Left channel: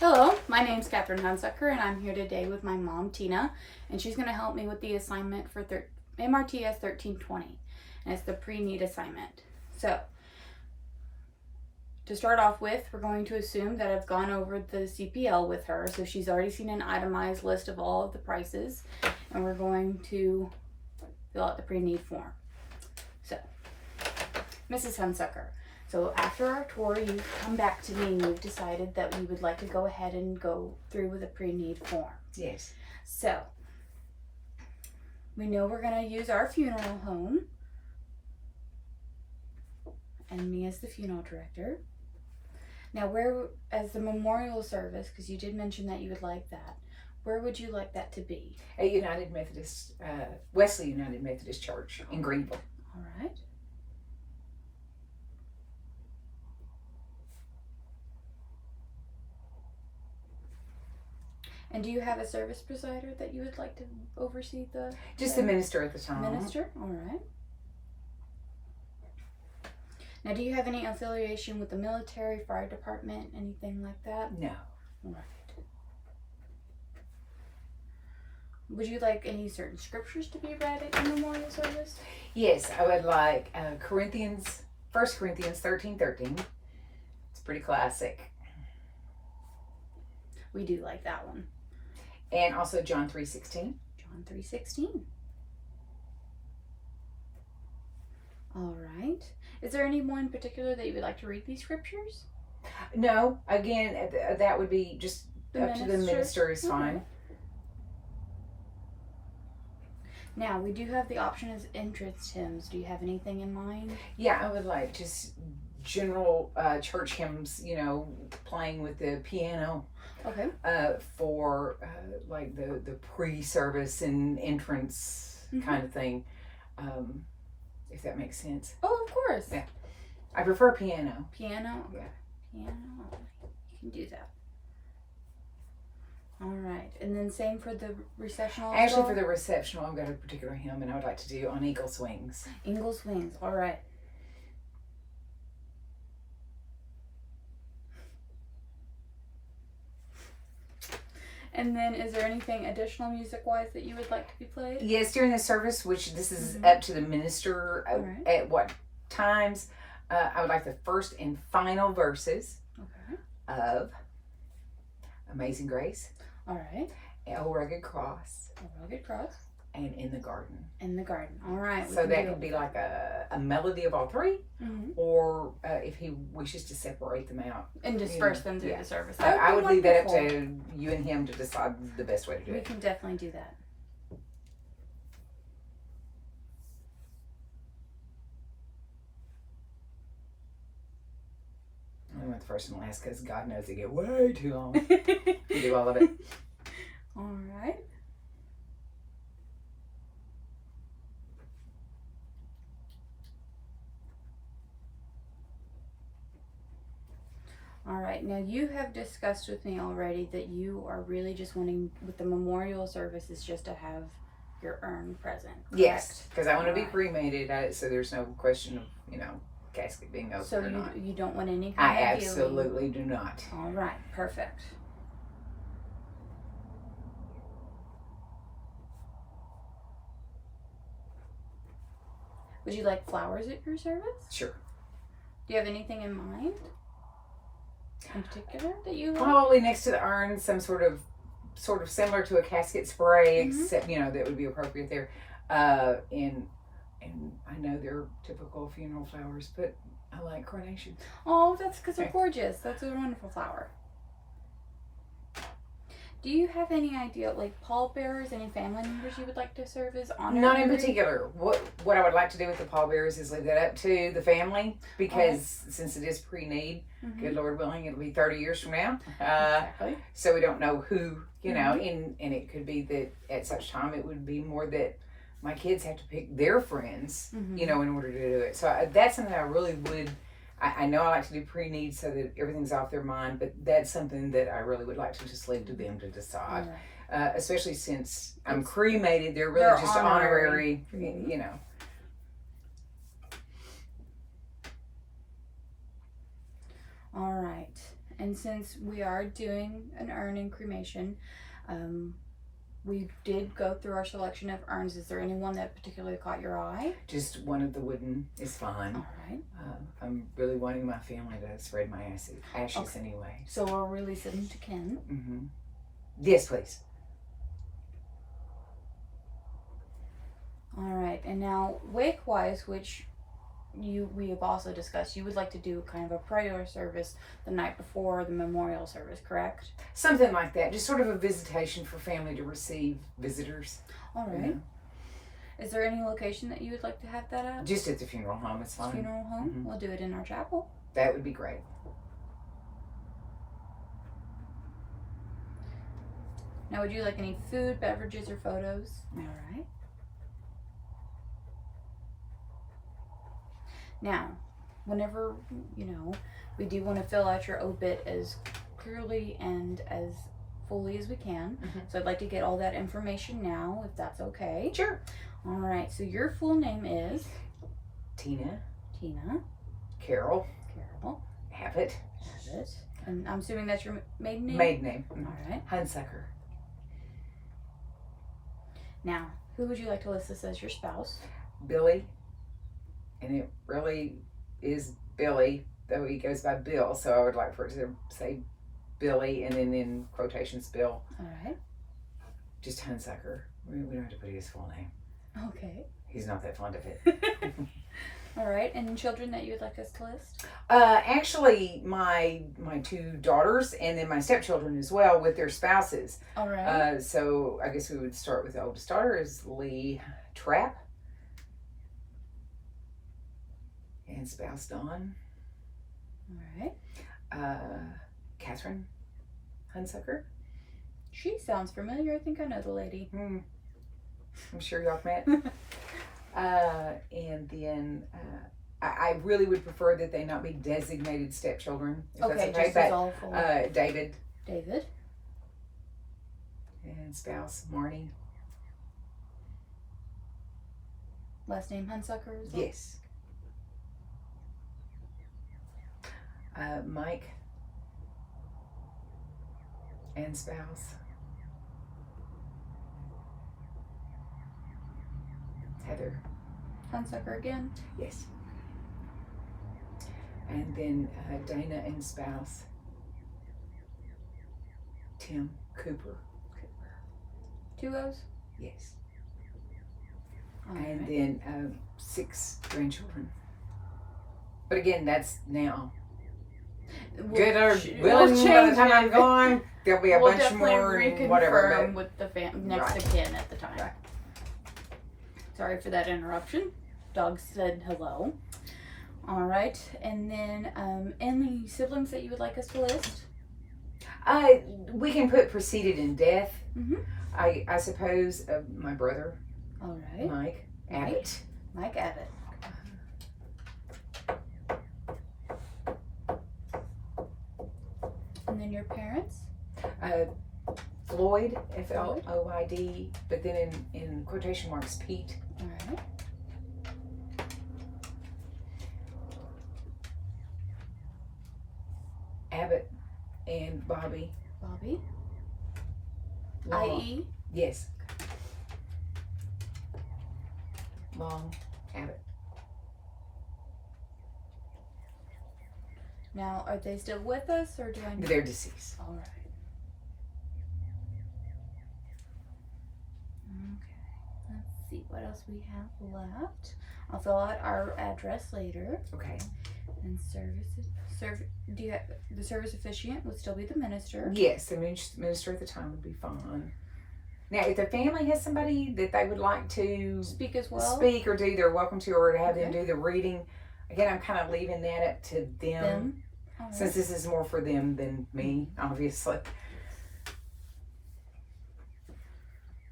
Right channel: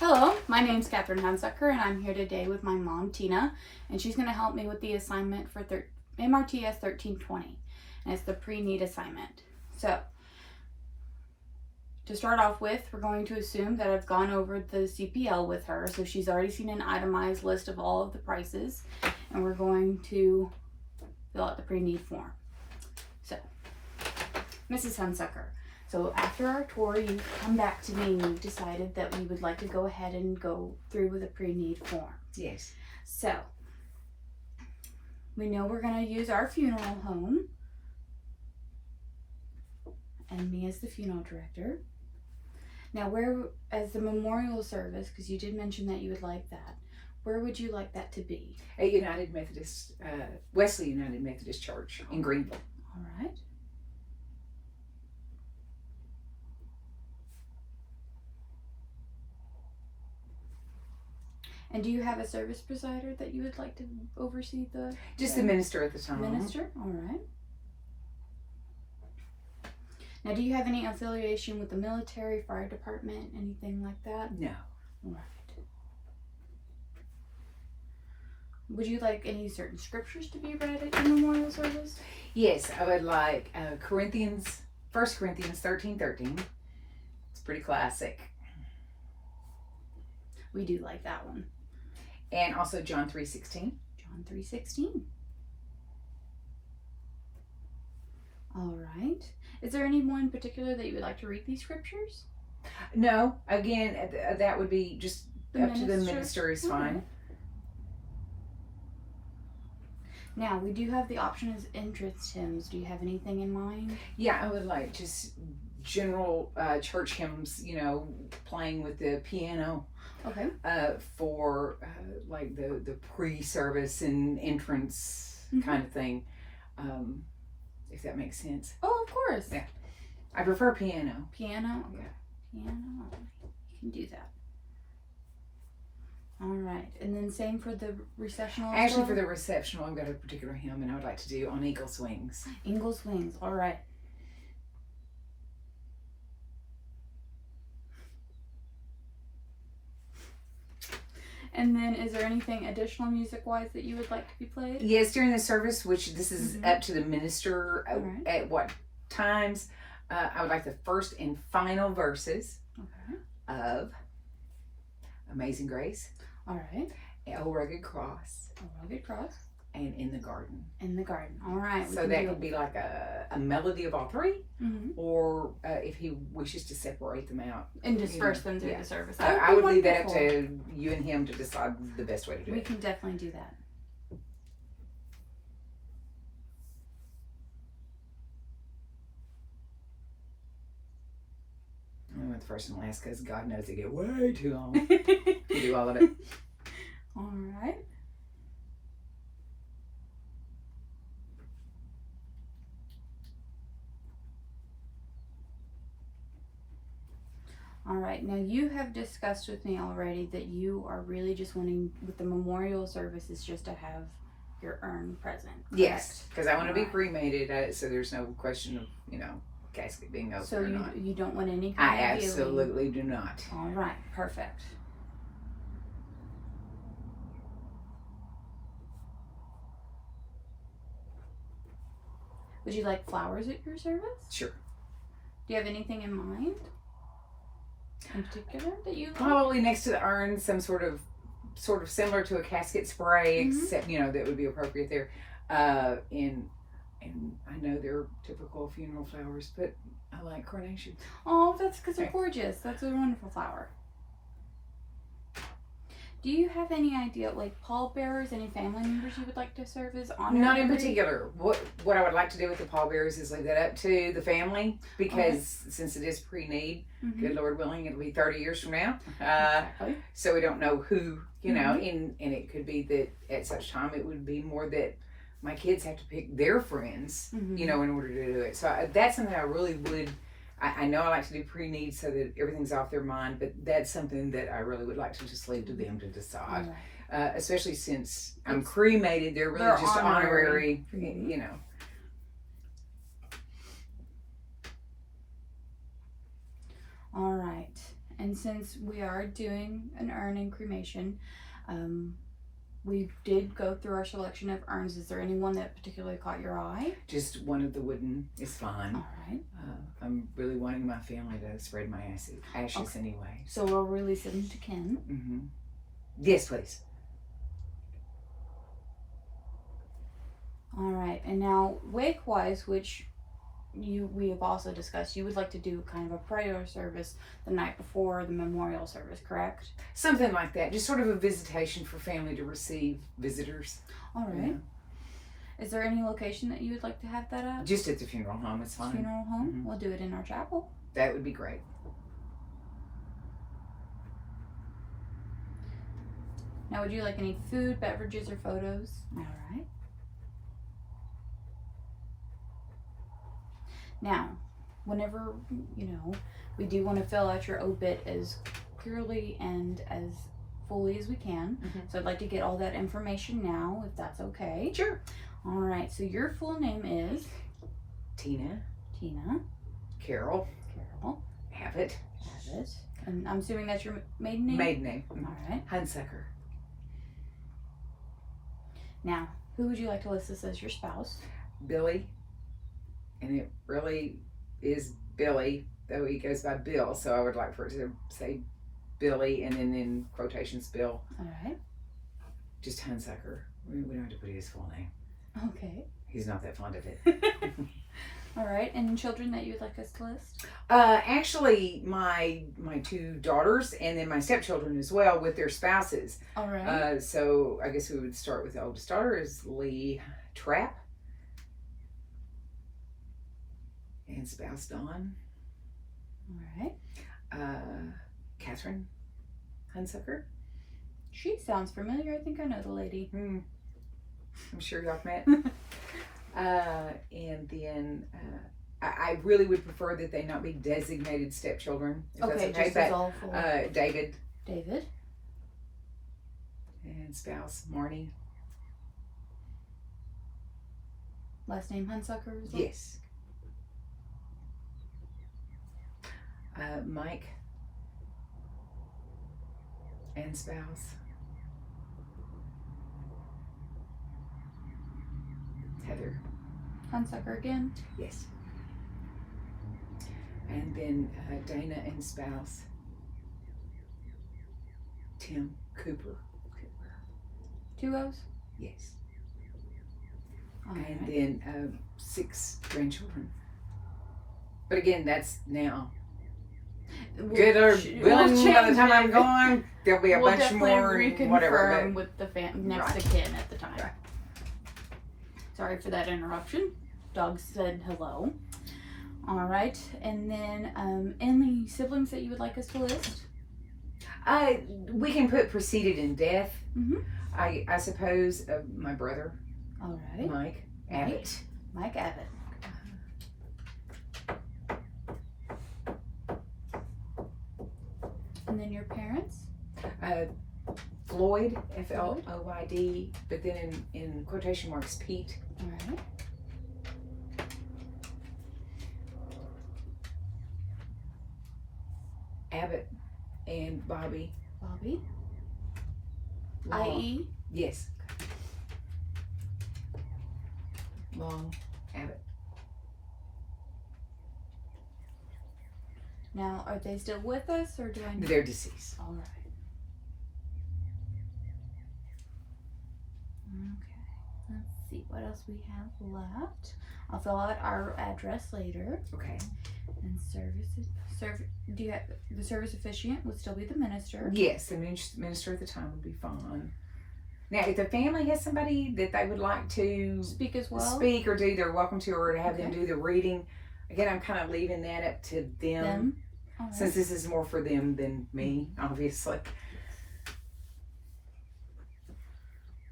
Hello, my name's Catherine Hunsucker, and I'm here today with my mom, Tina, and she's going to help me with the assignment for MRTS 1320, and it's the pre-need assignment. So, to start off with, we're going to assume that I've gone over the CPL with her, so she's already seen an itemized list of all of the prices, and we're going to fill out the pre-need form. So, Mrs. Hunsucker, so after our tour, you've come back to me and you've decided that we would like to go ahead and go through with a pre-need form. Yes. So, we know we're going to use our funeral home and me as the funeral director. Now, where, as the memorial service, because you did mention that you would like that, where would you like that to be? At United Methodist, Wesley United Methodist Church in Greenville. All right. And do you have a service presider that you would like to oversee the? Just the minister at the time. Minister? All right. Now, do you have any affiliation with the military, fire department, anything like that? No. All right. Would you like any certain scriptures to be read at your memorial service? Yes, I would like 1 Corinthians 13:13. It's pretty classic. We do like that one. And also John 3:16. John 3:16. All right. Is there anyone in particular that you would like to read these scriptures? No, again, that would be just up to the minister is fine. Now, we do have the option as entrance hymns. Do you have anything in mind? Yeah, I would like just general church hymns, playing with the piano. Okay. For like the pre-service and entrance kind of thing, if that makes sense. Oh, of course. Yeah. I prefer piano. Piano? Yeah. Piano. You can do that. All right. And then same for the recessional as Actually, well? for the receptional, I've got a particular hymn, and I would like to do On Eagle's Wings. Eagle's Wings. All right. And then is there anything additional music-wise that you would like to be played? Yes, during the service, which this is up to the minister right. at what times. I would like the first and final verses of Amazing Grace. All right. O Rugged Cross. A Rugged Cross. And In the Garden. In the Garden. All right. So that could be like a melody of all three, or if he wishes to separate them out and disperse them through the service. I would leave that up to you and him to decide the best way to do it. We can definitely do that. I went the first and last because God knows they get way too long to do all of it. All right. All right, now you have discussed with me already that you are really just wanting, with the memorial services, just to have your urn present. Correct? Yes, because I want to be cremated, so there's no question of, casket being open or not. So you don't want any I kind of absolutely do not. All right, perfect. Would you like flowers at your service? Sure. Do you have anything in mind in particular that you like? Probably next to the urn, some sort of similar to a casket spray, except that would be appropriate there. And I know they're typical funeral flowers, but I like carnations. Oh, that's because they're gorgeous. That's a wonderful flower. Do you have any idea, like pallbearers, any family members you would like to serve as honorary? Not in particular. What I would like to do with the pallbearers is leave that up to the family, because since it is pre-need, good Lord willing, it'll be 30 years from now. Exactly. So we don't know who, and it could be that at such time it would be more that my kids have to pick their friends, in order to do it. So that's something I really would. I know I like to do pre-need so that everything's off their mind, but that's something that I really would like to just leave to them to decide. Right. Especially since I'm cremated, they're really just honorary, All right. And since we are doing an urn and cremation, we did go through our selection of urns. Is there anyone that particularly caught your eye? Just one of the wooden is fine. All right. I'm really wanting my family to spread my ashes anyway. So we'll release them to Ken. Mm-hmm. Yes, please. All right. And now, wake-wise, which we have also discussed, you would like to do kind of a prayer service the night before the memorial service, correct? Something like that. Just sort of a visitation for family to receive visitors. All right. Is there any location that you would like to have that at? Just at the funeral home, it's fine. Funeral home? Mm-hmm. We'll do it in our chapel. That would be great. Now, would you like any food, beverages, or photos? All right. Now, whenever, we do want to fill out your obit as clearly and as fully as we can. Mm-hmm. So I'd like to get all that information now, if that's okay. Sure. All right. So your full name is? Tina. Carol. Abbott. And I'm assuming that's your maiden name? Maiden name. All right. Hunsucker. Now, who would you like to list this as your spouse? Billy. And it really is Billy, though he goes by Bill, so I would like for it to say Billy and then in quotations Bill. All right. Just Hunsucker. We don't have to put his full name. Okay. He's not that fond of it. All right. And children that you would like us to list? Actually, my two daughters and then my stepchildren as well with their spouses. All right. So I guess we would start with the oldest daughter is Lee Trapp. And spouse Dawn. All right. Catherine Hunsucker. She sounds familiar. I think I know the lady. I'm sure y'all met. And then I really would prefer that they not be designated stepchildren. If Okay, that's okay. just as all full. David. And spouse Marnie. Last name Hunsucker as well? Yes. Mike and spouse Heather. Hunsucker again? Yes. And then Dana and spouse Tim Cooper. 2 O's? Yes. All And right. then 6 grandchildren. But again, that's now. Good or willing by the time I'm gone, there'll be a we'll bunch definitely more, reconfirm whatever. with the next Right. of kin at the time. Right. Sorry for that interruption. Dog said hello. All right, and then any siblings that you would like us to list? We can put preceded in death. Mm-hmm. I suppose my brother, All right, Mike Abbott. Mike Abbott. And then your parents? Floyd, Floyd, but then in quotation marks, Pete. All right. Abbott and Bobby. Bobby? Long. I.E.? Yes. Long Abbott. Now, are they still with us, or do I need... They're deceased. All right. Okay. Let's see what else we have left. I'll fill out our address later. Okay. And do you have the service officiant would still be the minister? Yes, the minister at the time would be fine. Now, if the family has somebody that they would like to Speak as well. speak or do, they're welcome to, or to have them Okay. do the reading. Again, I'm kind of leaving that up to them. All right. Since this is more for them than me, obviously.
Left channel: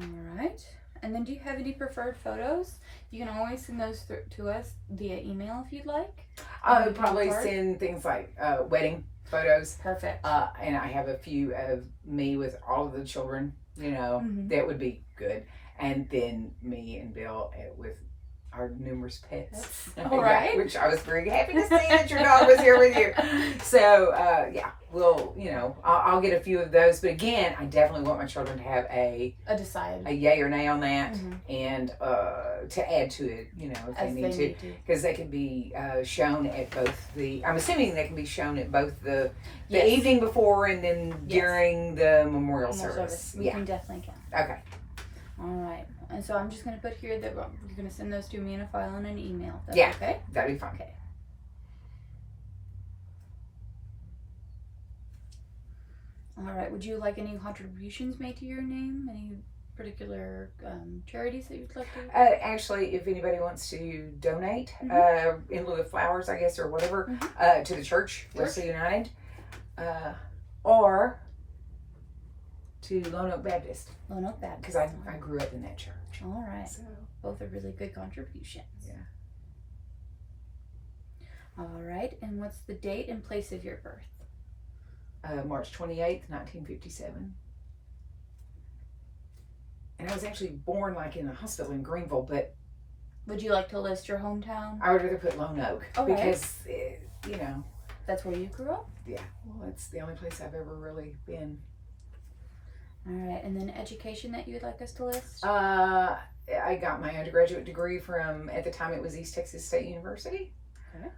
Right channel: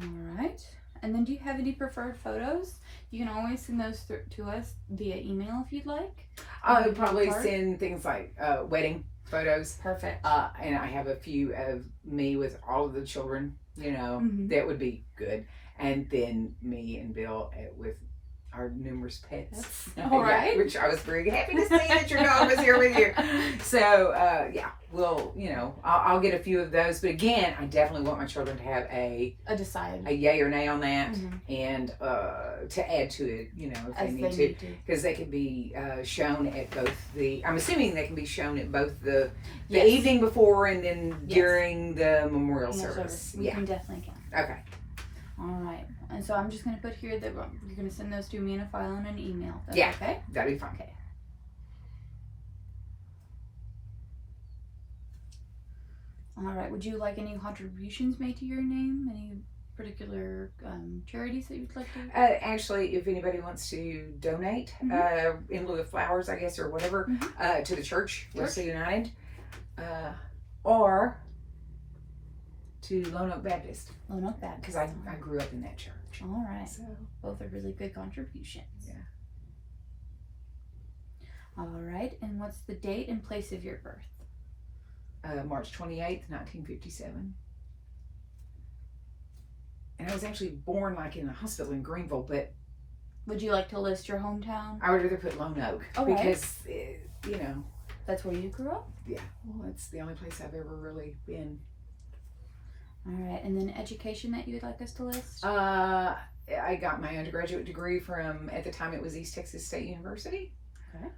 All right. And then do you have any preferred photos? You can always send those to us via email if you'd like. I would probably Card? send things like wedding photos. Perfect. And I have a few of me with all of the children, Mhm. that would be good. And then me and Bill with our numerous pets. All right. Which I was very happy to see that your dog was here with you. So, yeah, we'll, I'll get a few of those. But again, I definitely want my children to have a yay or nay on that, and to add to it, if they need to. Because they can be shown at both I'm assuming they can be shown at both the evening before and then during the memorial service. We can definitely count. Okay. All right. And so I'm just going to put here that you're going to send those to me in a file and an email. That's okay? That'd be fine. Okay. All right. Would you like any contributions made to your name? Any particular charities that you'd like to? Actually, if anybody wants to donate in lieu of flowers, I guess, or whatever, to the church, Wesley United, or to Lone Oak Baptist. Lone Oak Baptist. Because I grew up in that church. All right. So both are really good contributions. Yeah. All right. And what's the date and place of your birth? March 28th, 1957. And I was actually born in a hospital in Greenville, but would you like to list your hometown? I would rather put Lone Oak because, that's where you grew up? Yeah. Well, it's the only place I've ever really been. All right. And then education that you would like us to list? I got my undergraduate degree from, at the time it was East Texas State University. Okay.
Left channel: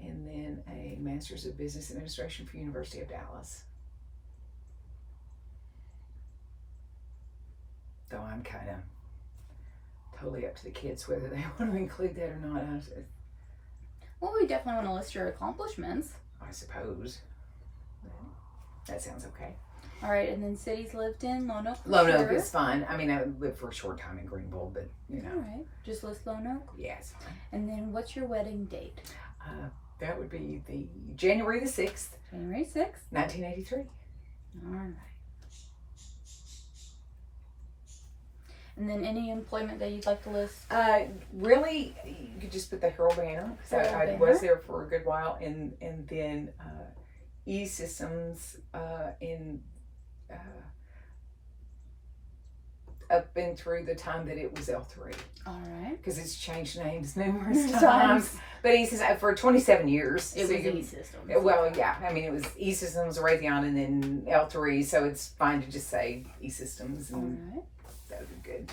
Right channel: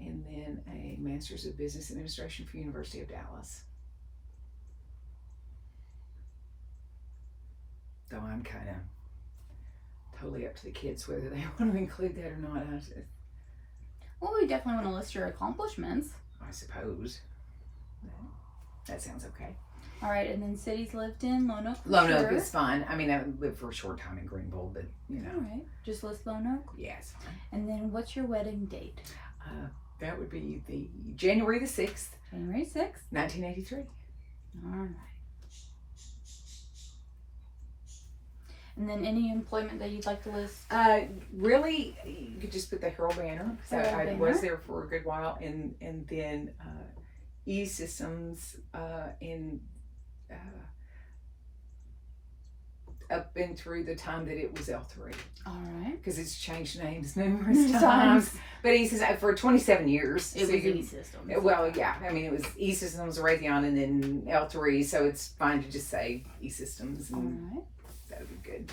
And then a Master's of Business Administration for University of Dallas. Though I'm kind of totally up to the kids whether they want to include that or not. Well, we definitely want to list your accomplishments. I suppose. That sounds okay. All right, and then cities lived in Lone Oak. Lone Oak is fine. I mean, I lived for a short time in Greenville, but All right, just list Lone Oak. Yeah, it's fine. And then, what's your wedding date? That would be the January the 6th. January 6th. 1983. All right. And then any employment that you'd like to list? Really, you could just put the Herald Banner. So I was there for a good while, and then E-Systems in up and through the time that it was L3. All right. Because it's changed names numerous times. But E-Systems, for 27 years. It was E-Systems. Well, yeah. I mean, it was E-Systems, Raytheon, and then L3. So it's fine to just say E-Systems. All right. That would be good.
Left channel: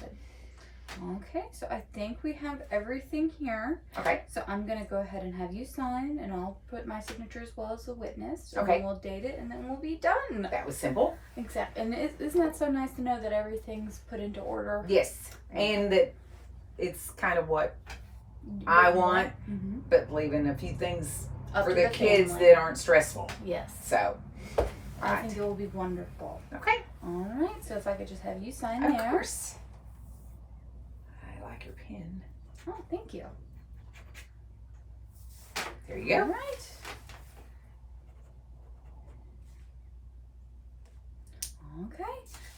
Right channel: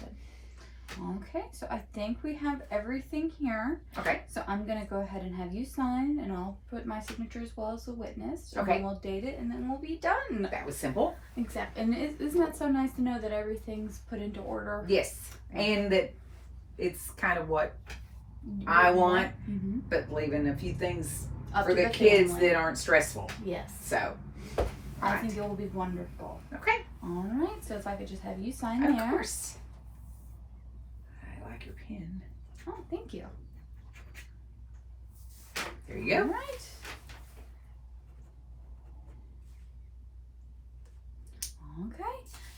Okay, so I think we have everything here. Okay. So I'm going to go ahead and have you sign, and I'll put my signature as well as a witness. And Okay. then we'll date it, and then we'll be done. That was simple. Exactly. And isn't that so nice to know that everything's put into order? Yes. And that it's kind of what I want, but leaving a few things Up for to the kids family. that aren't stressful. Yes. So, I think it will be wonderful. okay. All right. So if I could just have you sign Of there. course. I like your pen. Oh, thank you. There you All go. right. Okay.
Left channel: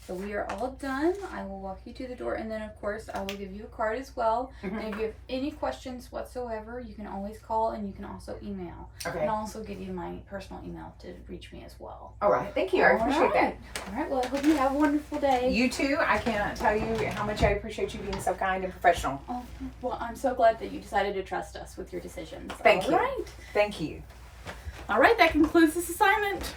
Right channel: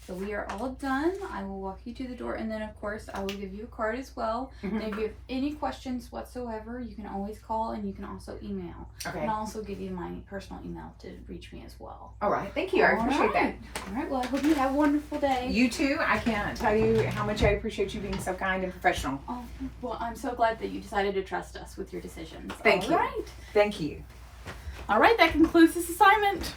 So we are all done. I will walk you to the door, and then of course I will give you a card as well. And if you have any questions whatsoever, you can always call, and you can also email. Okay. And I'll also give you my personal email to reach me as well. All right. Thank you. I appreciate that. All right. Well, I hope you have a wonderful day. You too. I can't tell you how much I appreciate you being so kind and professional. Oh, well, I'm so glad that you decided to trust us with your decisions. Thank you. All right. Thank you. All right. That concludes this assignment.